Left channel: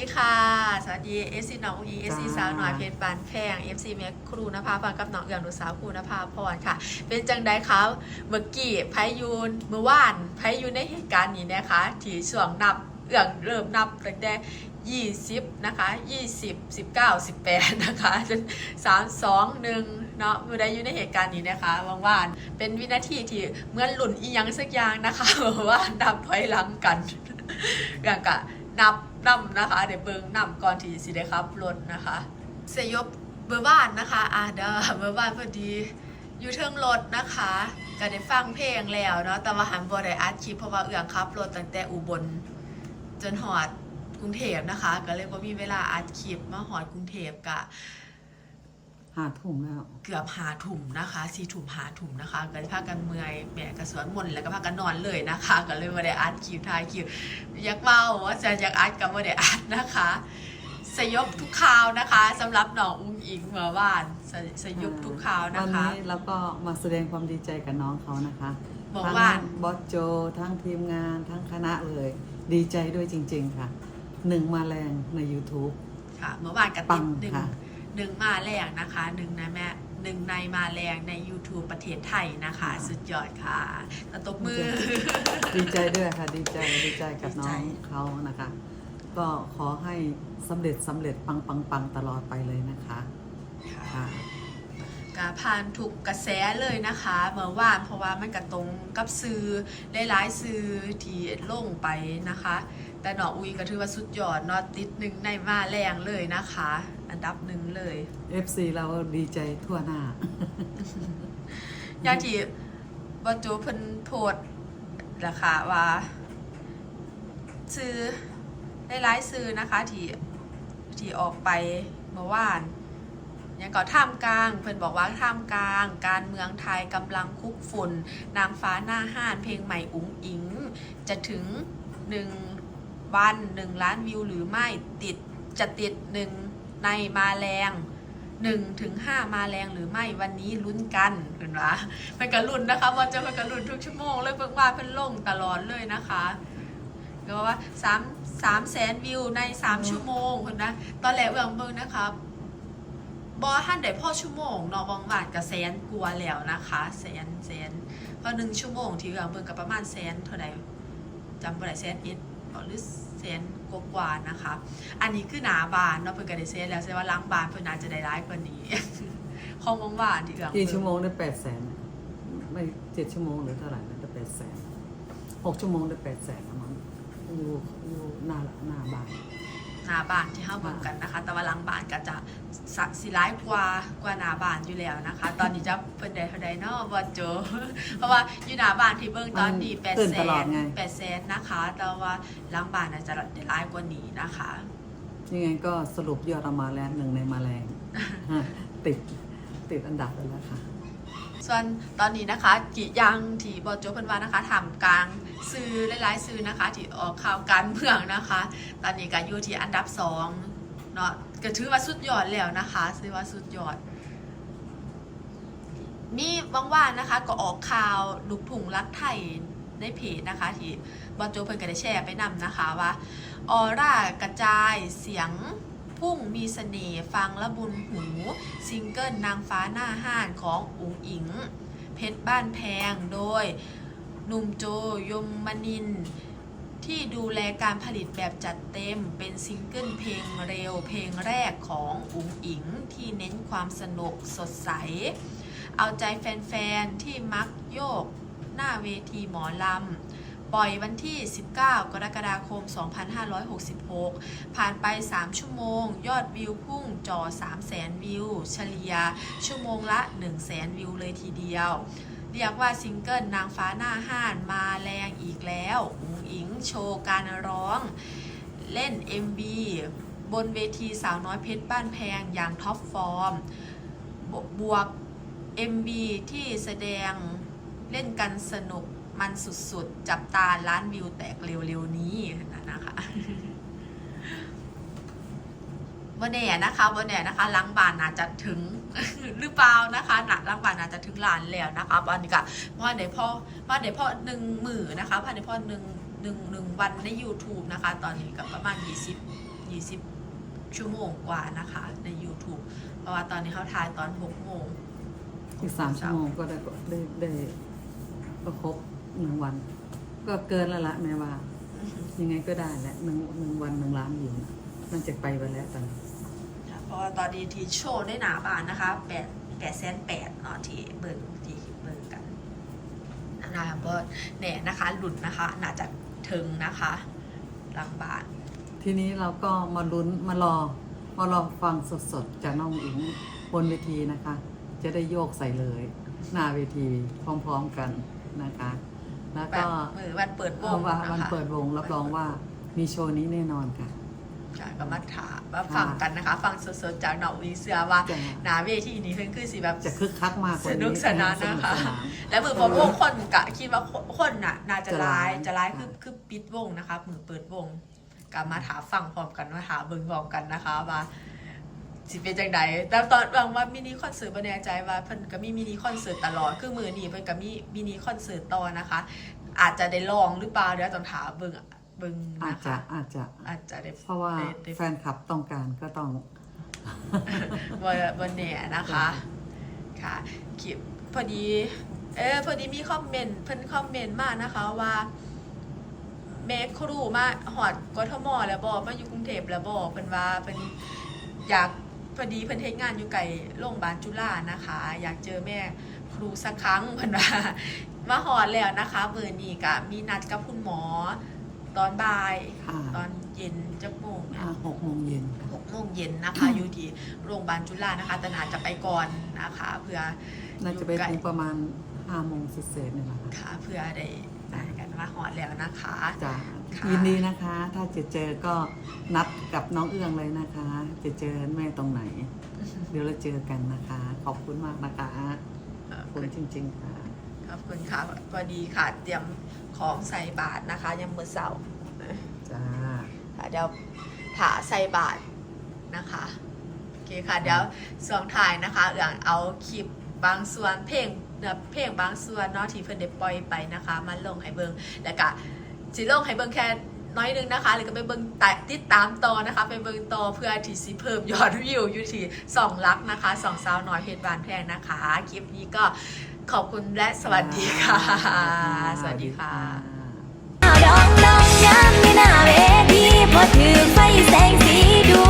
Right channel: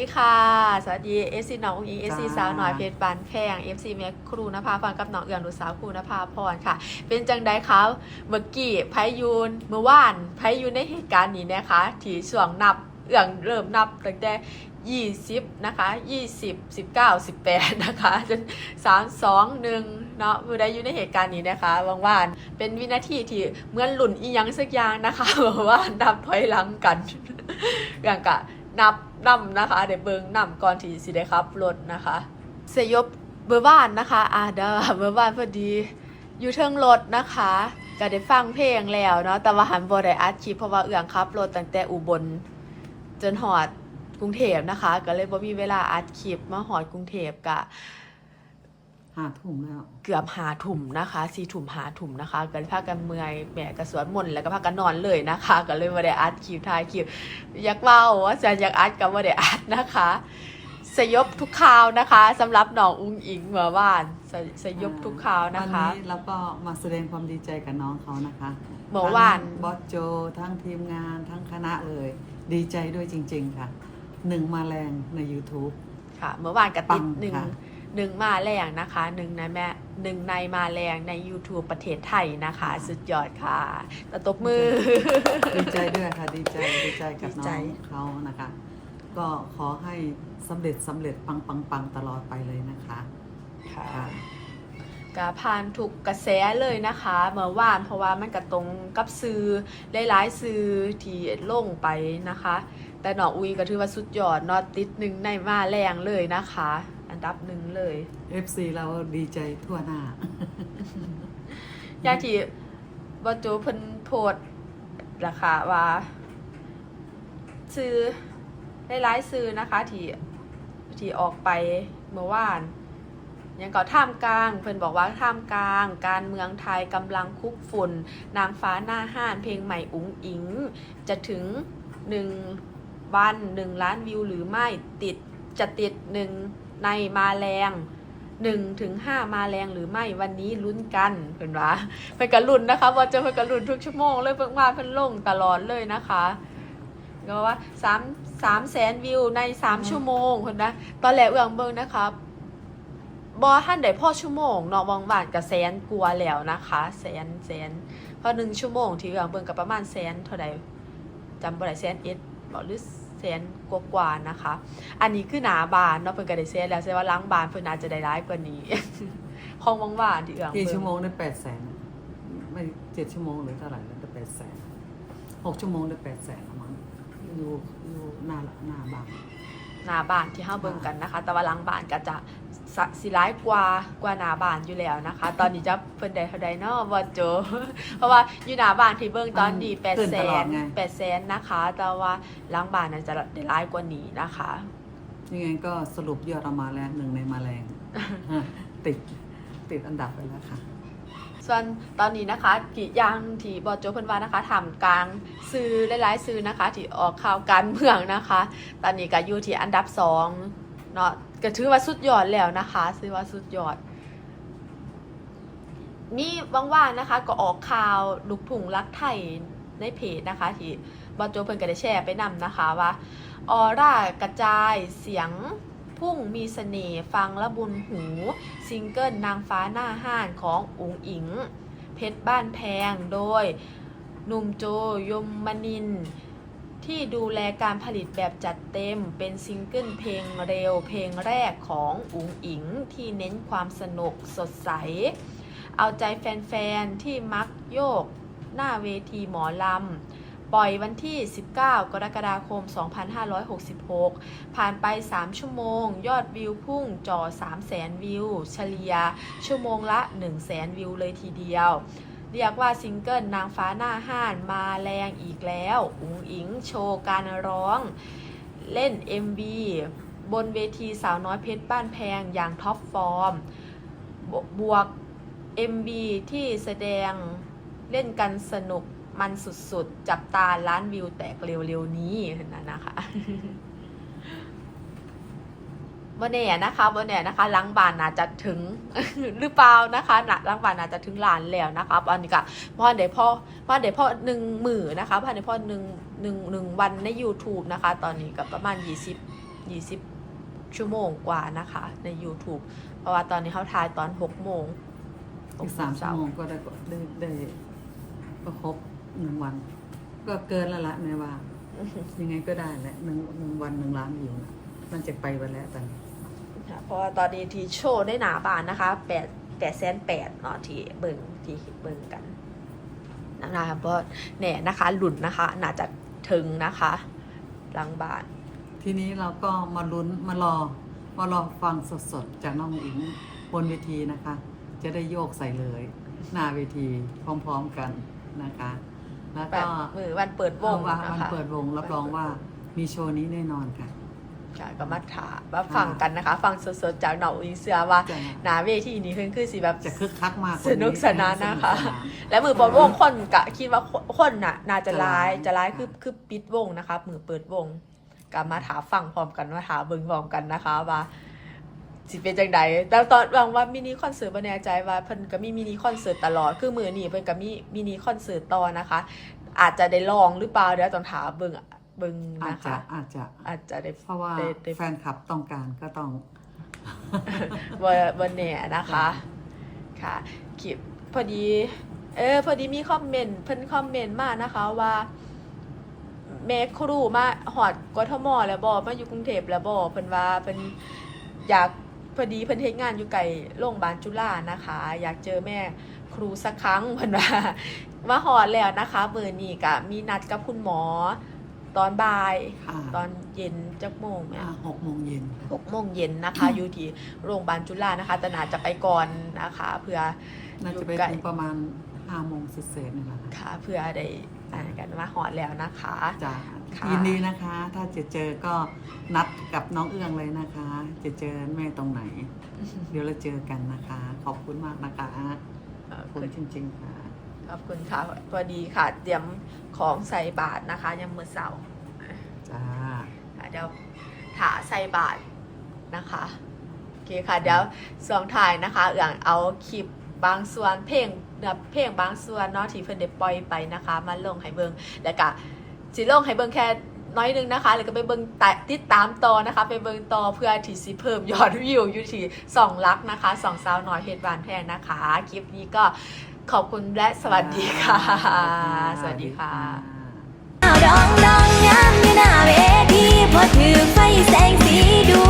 ดีค่ะ สวัสดีเอซีน้องอีเอซีจ้าสาวหน่อยเพชรบานแพงเอฟซีแม่ครูนภาฟังกับน้องเอืองดูสาวครูนภาพรค่ะ เป็นจังใดคะเมื่อกี้ไพยูนเมื่อวานไพยูนในเหตุการณ์นี้นะคะที่ช่วงนับเอืองเริ่มนับตั้งแต่ยี่สิบนะคะยี่สิบสิบเก้าสิบแปดนะคะจนสามสองหนึ่งเนาะเมื่อใดอยู่ในเหตุการณ์นี้นะคะบางวานเป็นวินาทีที่เหมือนหลุนอีหยังสักอย่างนะคะเมื่อวานนับถอยหลังกันอย่างกะ นับนำนะคะ เดี๋ยวเบิงนำก่อนที่สิได้ครับรถนะคะเสยยบเบอร์บ้านนะคะอ่าเดาเบอร์บ้านพอดีอยู่เทิงรถนะคะก็ได้ฟังเพลงแล้วเนาะแต่ว่าหันบ่ได้อัดคลิปเพราะว่าเอื้องขับรถตั้งแต่อุบลจนหอดกรุงเทพนะคะ ก็เลยบ่มีเวลาอัดคลิปมาหอดกรุงเทพกะ หาทุ่มแล้วเกือบหาถุ่มนะคะสี่ถุ่มหาถุ่มนะคะก็เลยพากันเมื่อยแหมกระสวนมนต์แล้วก็พากันนอนเลยนะคะ ก็เลยไม่ได้อัดคลิปถ่ายคลิปอยากเล่าว่าจะอยากอัดก็ไม่ได้อัดนะคะสยบทุกข่าวนะคะสำหรับน้องอุ้งอิงเมื่อวานสสยบทุกข่าวนะวันคะนี้เราก็มาแสดงความดีใจกับน้องเขานะคะเมื่อวานทั้งบอสโจทั้งทีมงานทั้งคณะเลย ดีใจด้วยจริง ๆค่ะหนึ่งมาแรงใน YouTube ค่ะเมื่อวานกับปัติดงหนึ่งค่ะ หนึ่งมาแรงนะคะหนึ่งในแม่หนึ่งในมาแรงใน YouTube ประเทศไทยนะคะ สุดยอดค่ะแล้วตบมือ ดีใจด้วยค่ะ ดีใจดีใจกับน้องดีใจเขานะคะ ก็ขอให้สำเร็จสำเร็จปังปังปังตลอดไปเลยนะคะค่ะกาผ่านทุกกระแสเลยนะคะเมื่อวานเพราะว่ามันกระตรงกับซื้อได้หลายซื้อที่ลงไปนะคะ แต่หนออุยก็ถือว่าสุดยอดเนอติดหนึ่งในมาแรงเลยนะคะอัน ดับหนึ่งเลย FC เราดีใจทั่วหน้าอย่างที่บอโจเพิ่นโพดราคาว่า ซื้อได้หลายซื้อนะคะที่ที่ออกไปเมื่อวานยังก็ท่ามกลาง เพิ่นบอกว่าท่ามกลาง การเมืองไทยกำลังคุกฝุ่นนางฟ้าหน้าห้านเพลงใหม่อุ๋งอิง จะถึงหนึ่งวันหนึ่งล้านวิวหรือไม่ติดจะติดหนึ่ง ในมาแรงหนึ่งถึงห้ามาแรงหรือไม่วันนี้ลุ้นกันเห็นปะเป็นกระลุนนะคะว่าจะเป็นกระลุนทุกชั่วโมงเลยเพิ่งมาเพิ่นลงตลอดเลยนะคะก็ว่าสามสามแสนวิวในสามชั่วโมงเห็นไหมตอนแรกเอื้องเบิ่งนะคะบอท่านได้พ่อชั่วโมงเนาะบางบาทกับแสนกลัวแล้วนะคะแสนแสนพอหนึ่งชั่วโมงที่เอื้องเบิ่งกับประมาณแสนเท่าไหร่จำบ่ได้แสนเอ็ดบอกหรือ แสนกว่าานะคะ อันนี้คือหนาบานเนาะเพิ่นก็ได้เซนแล้วใช่ว่าล้างบานเพิ่นอาจจะได้ร้ายกว่านี้ ห้องบางบานที่เอื้องกี่เบิ่ชั่วโมงได้แปดแสนไม่เจ็ดชั่วโมงหรือเท่าไหร่แล้วได้แปดแสนหกชั่วโมงได้แปดแสนละมั้งอยู่อยู่หน้าละหน้าบ้าน นาบานที่เฮาเบิ่งกันนะคะ แต่ว่าล้างบานก็จะสักสิร้ายกว่ากว่าหนาบานอยู่แล้วนะคะ ตอนนี้จะเพิ่นได้เท่าใดเนาะบ่โจ เพราะว่าอยู่หนาบานที่เบิ่งตอนนี้มัน8ขึ้นแสตลอดนไง8แสนนะคะ แต่ว่าล้างบานน่าจะได้ร้ายกว่านี้นะคะ ยังไงก็สรุปยอดออกมาแล้วหนึ่งในมาแรงติดติดอันดับไปแล้วค่ะ ส่วนตอนนี้นะคะกี่ยังที่บอโจเพิ่นว่านะคะถามกลางซื้อหลายๆซื้อนะคะ ที่ออกข่าวการเมืองนะคะ ตอนนี้ก็อยู่ที่อันดับสองเนาะก็ถือว่าสุดยอดแล้วนะคะซื้อว่าสุดยอดนี่ว่างๆนะคะก็ออกข่าวลูกถุงรักไทยในเพจนะคะ ที่บอโจเพิ่นก็ได้แชร์ไปนำนะคะว่าออร่ากระจายเสียง พุ่งมีเสน่ห์ฟังและบุญหู ซิงเกิลนางฟ้าหน้าห้านของอุ๋งอิง เพชรบ้านแพงโดยหนุ่มโจยมมนิน ที่ดูแลการผลิตแบบจัดเต็มเป็นซิงเกิลเพลงเร็วเพลงแรกของอุ๋งอิง ที่เน้นความสนุกสดใส เอาใจแฟนๆ ที่มักโยกหน้าเวทีหมอลำ ปล่อยวันที่ 19 กรกฎาคม 2566 ผ่านไป 3 ชั่วโมง ยอดวิวพุ่งจ่อ 300,000 วิว เฉลี่ยชั่วโมงละ 100,000 วิวเลยทีเดียว เรียกว่าซิงเกิลนางฟ้าหน้าห้านมาแรงอีกแล้วอุ๋งอิงโชว์การร้อง เล่น MV บนเวทีสาวน้อยเพชรบ้านแพงอย่างท็อปฟอร์ม บวก MB ที่แสดงเล่นกันสนุก มันสุดๆ จับตาล้านวิวแตกเร็วๆนี้นไหมนะคะบนแน่นะคะบนแน่นะคะล้างบานน่าจะถึงหรือเปล่านะคะหนักล้างบานน่าจะถึงล้านแล้วนะคะอันนี้ก็พ่อเดี๋ยวพ่อพ่อเดี๋ยวพ่อหนึ่งหมื่นนะคะพ่อเดี๋ยวพ่อหนึ่งหนึ่งหนึ่งวันใน YouTube นะคะ ตอนนี้ก็ประมาณยี่สิบ20ชั่วโมงกว่านะคะใน YouTube เพราะว่าตอนนี้เขาถ่ายตอน6โมงอีกสามชั่วโมงก็ได้ก็ได้ได้ก็ครบ หนึ่งวัน ก็เกินแล้วละแม่ว่า ยังไงก็ได้แหละหนึ่งหนึ่งวันหนึ่งล้านวิวนะมันจะไปไปแล้วตอนนี้ค่ะเพราะว่าตอนนี้ที่โชว์ได้หนาบานนะคะแปดแปดแสนแปดเนาะที่เบิ่งที่เบิ่งกันนะคะก็เนี่ยนะคะ หลุดนะคะ น่าจะถึงนะคะหลังบานทีนี้เราก็มาลุ้นมารอมารอฟังสดๆ จากน้องอิงบนเวทีนะคะ จะได้โยกใส่เลย หน้าเวทีพร้อมๆกันนะคะ แล้วแบก็บมือวันเปิดวงว่านะคะวันเปิดวงรับรองว่ามีโชว์นี้แน่นอนค่ะค่ะก็มาถามมาฟังกันนะคะ ฟังสดๆจากหนองอินเสือว่าจะหนาเวทีนี้ขึ้นคือสิแบบจะคึกคักมากกว่าสนี้นุกสนานนะคะสกสนานและมือเปิดวงคนกะคิดว่าคนน่ะน่าจะจะร้าร้ายยจะร้ายค่ะคือคือปิดวงนะคะมือเปิดวงกลับมาถามฟังพร้อมกันมาถามเบิ่งพร้อมกันนะคะว่า สิเป็นจังใดแต่ตอนวางว่ามินิคอนเสิร์ตบ่แน่ใจว่าเพิ่นก็มีมินิคอนเสิร์ตตลอด คือมือนี้เพิ่นก็มีมินิคอนเสิร์ตต่อนะคะ อาจจะได้ลองหรือเปล่าเดี๋ยวต้องถามเบิ่งเบิ่งอาจนะจะคะอาจจะอาจจะได้เพราะว่าได้ได้ แฟนคลับต้องการก็ต้องว่าวันเนี่ยนะคะ ค่ะคลิปพอดี เออ พอดีมีคอมเมนต์เพิ่นคอมเมนต์มานะคะว่าแม่ครูมาหอดกทมแล้วบอกมาอยู่กรุงเทพแล้วบอกเพิ่นว่าเพิ่นอยาก พอดีเพิ่นเฮ็ดงานอยู่ไกลโรงพยาบาลจุฬานะคะ อยากเจอแม่ครูสักครั้งเพิ่นว่ามาหอดแล้วนะคะเบอร์นี้ก็มีนัดกับคุณหมอ ตอนบ่าย ค่ะตอนเย็นจักโมงเนี่ยอ่าหกโมงเย็นหกโมงเย็นนะคะ อยู่ที่โรงพยาบาลจุฬานะคะแต่นาจะไปก่อนนะคะ เพื่อ น่าจะไปถึงประมาณห้าโมงเศษๆนี่แหละค่ะ ค่ะเพื่อได้ นัดกันว่าหอดแล้วนะคะจ้าค่ะยินดีนะคะ ถ้าจะเจอก็นัดกับน้องเอื้องเลยนะคะ จะเจอแม่ตรงไหน เดี๋ยวเราเจอกันนะคะ ขอบคุณมากนะคะเอ่อขอบคุณจริง ๆ ค่ะ ขอบคุณค่ะพอดีค่ะ เตรียมของใส่บาทนะคะยามมื้อเสาร์จ้า ค่ะเดี๋ยวถาใส่บาทนะคะ โอเคค่ะ เดี๋ยวส่วนถ่ายนะคะ อย่างเอาคลิป บางส่วนเพลงแบบเพลงบางส่วนเนาะที่เพิ่นได้ปล่อยไปนะคะ มาลงให้เบิงแล้วก็สิลงให้เบิงแค่น้อยหนึงนะคะแล้วก็ไปเบิงตติดตามต่อนะคะ ไปเบิงต่อเพื่อที่สิเพิ่มยอดวิวอยู่ที่สองลักนะคะสองสาวน้อยเพชรบานแพงนะคะคลิปนี้ก็ขอบคุณและสวัสดีค่ะ สวัสดีค่ะดาวดองดองยามอยู่หน้าเวทีพอถือไฟแสงสีดู